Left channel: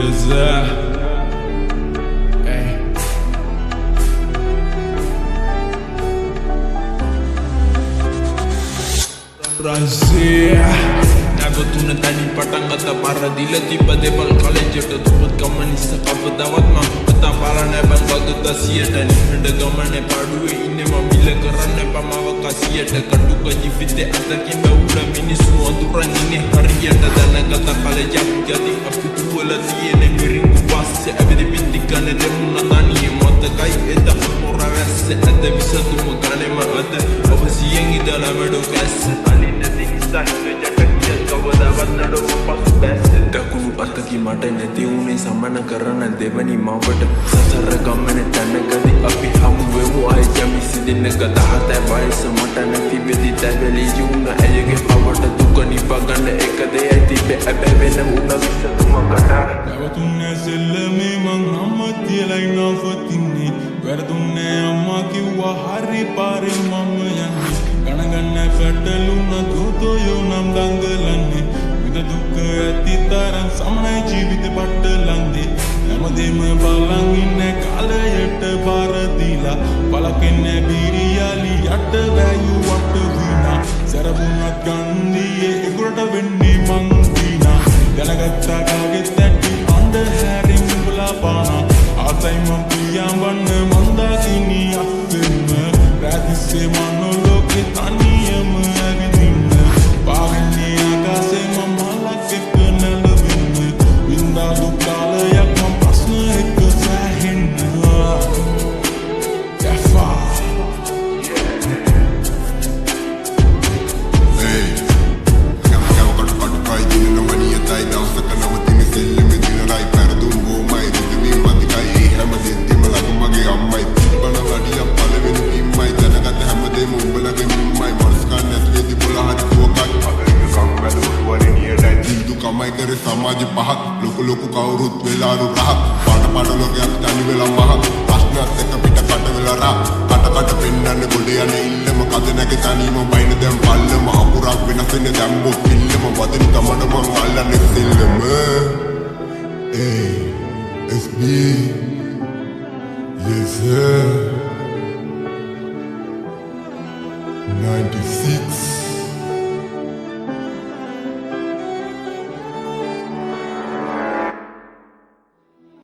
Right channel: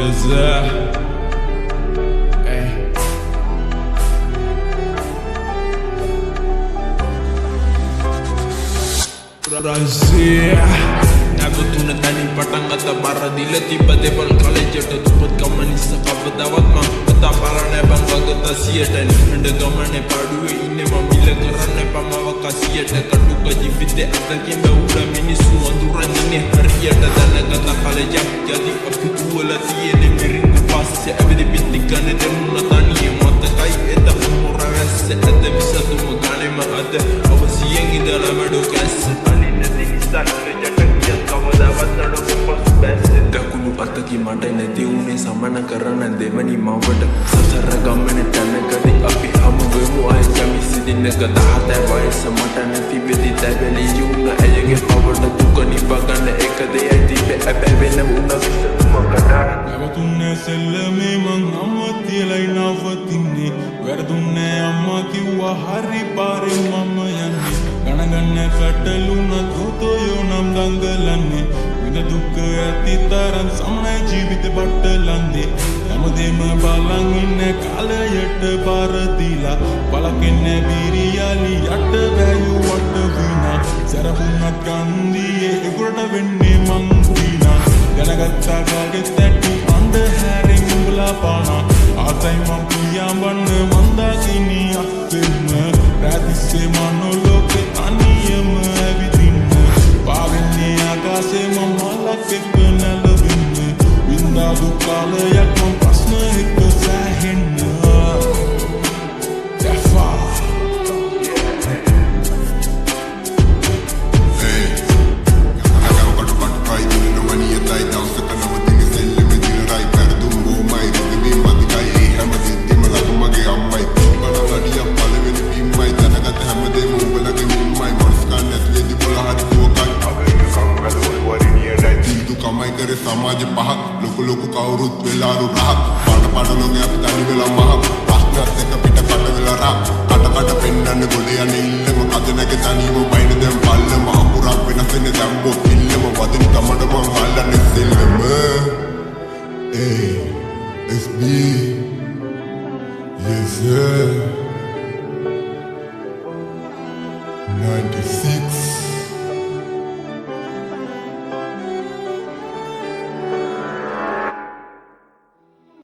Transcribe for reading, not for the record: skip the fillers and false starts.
Yes, hey. Brazil නැවතුන තැනින් පටන් ගත බර දිල තිබ්බ දෙවල් කලෙජට දුපත් ගමනිස්ස කවදාවත් මං කතා පාරන්නේ බං ගොඩ සියට නිහඬ ගමනේ පාඩුවේ ඉන්නේ මම මිල කරන්න පමව කසියට කටුක ජීවිතේ අතකින් බැවුල මිනිස්සු අඳුරන් ඉන්නේ හරියට දැනගත කලෙජක් යදි අපි තුවල තියෙන මිරිඟු පස්සේ ඇවිදි පිටි ගන්න දෙමුණ තනිය මතකයි එද මොර වැස්සේ ඇද විසතුම ගණෙම අද අවසියෙන් ඉඳලා මඩෝ කැස්ස දකුණු අතකි මට නැති වුණේ සමන කරන දෙවනි මවට සසර ගමන තැනකදී අපි හමුවෙමු අය ජමිසි දිනක 17 වයස මට නැති වෙදි තැවැලි යුණ ඇයගේ පවට දුක නිබගන්න එක දෙයයි තිබෙ ඇබැ වෙන උන විසතුමකට නැවතුන්නේ සෙල්ලමේ මං අම්ම තියලයි නවතින්නේ වැරදුන්නේ අම්මා කිව්වා හරි පාරේ මම යන්නේ ගණගන්න පැටලුණ දෝතයෝ නම් දංගලන්නේ විඳ දුක්ඛ ඇති තරම් සමනයි ජීවිත බට්ටලන්දේ හැමදේම බලන් ඉන්න කාලයට බාර දීලා බලකෙන්නේ බීරියාලි යට වැයු වට විනා සරබුණත් ගන්දියේ එගොඩට වෙන්නේ මං දීනා දැනගත්තා කාගෙත් ඇටි අඬ හැරින් උඹලා පානා ආසයි මං පියාඹන්න මන්දා කිනි අස්සෙම රැතිස්සේ මනෝලෝකේ තනියම ඇවිදින්න පාවෙන්නේ ආකාසේ මම මලක් එක්ක නැලවෙන්න වින්දා දුක් කාලයක් මම ප්‍රශ්න එක්ක සැහෙන්න යෆා hey යකව කට කයි දින නවනියතයි දවසක නවතින සෙල්ලෙම දින රයි පෙරදුම් බොමයි රිදවි මදිකයි හැම දෙද්දිම ලගමගේ අම්මයි තිබ්බන අඩියක් පළවෙනි පිම්මයි දැනගත හැමදේම උඹලගේ මිම්මයි මනස්කන් නැති වෙදි බොල හරි කෝකයි අගයකම් වැදවල වරිනියටයි දිල්දු කමයි කරේ සමාජ පහක් ලොකු කවුරුත් වෙලාරු රහක් පාට ලෝකේ අපි තනි වෙලා මහක් ප්‍රශ්නත් එක පිට කට වෙලා රා කට පෙන්නන්න ගොඩ යන්නේ ඉල්ලම කද නැගේ තනියම බයින දැන් පල්ලම අකුරක් වෙනස් වෙන්නේ දැම්මොත් පිල්ලම වදින තමඩ මං අල්ලන්නේ සෙල්ලම SB yes sir 96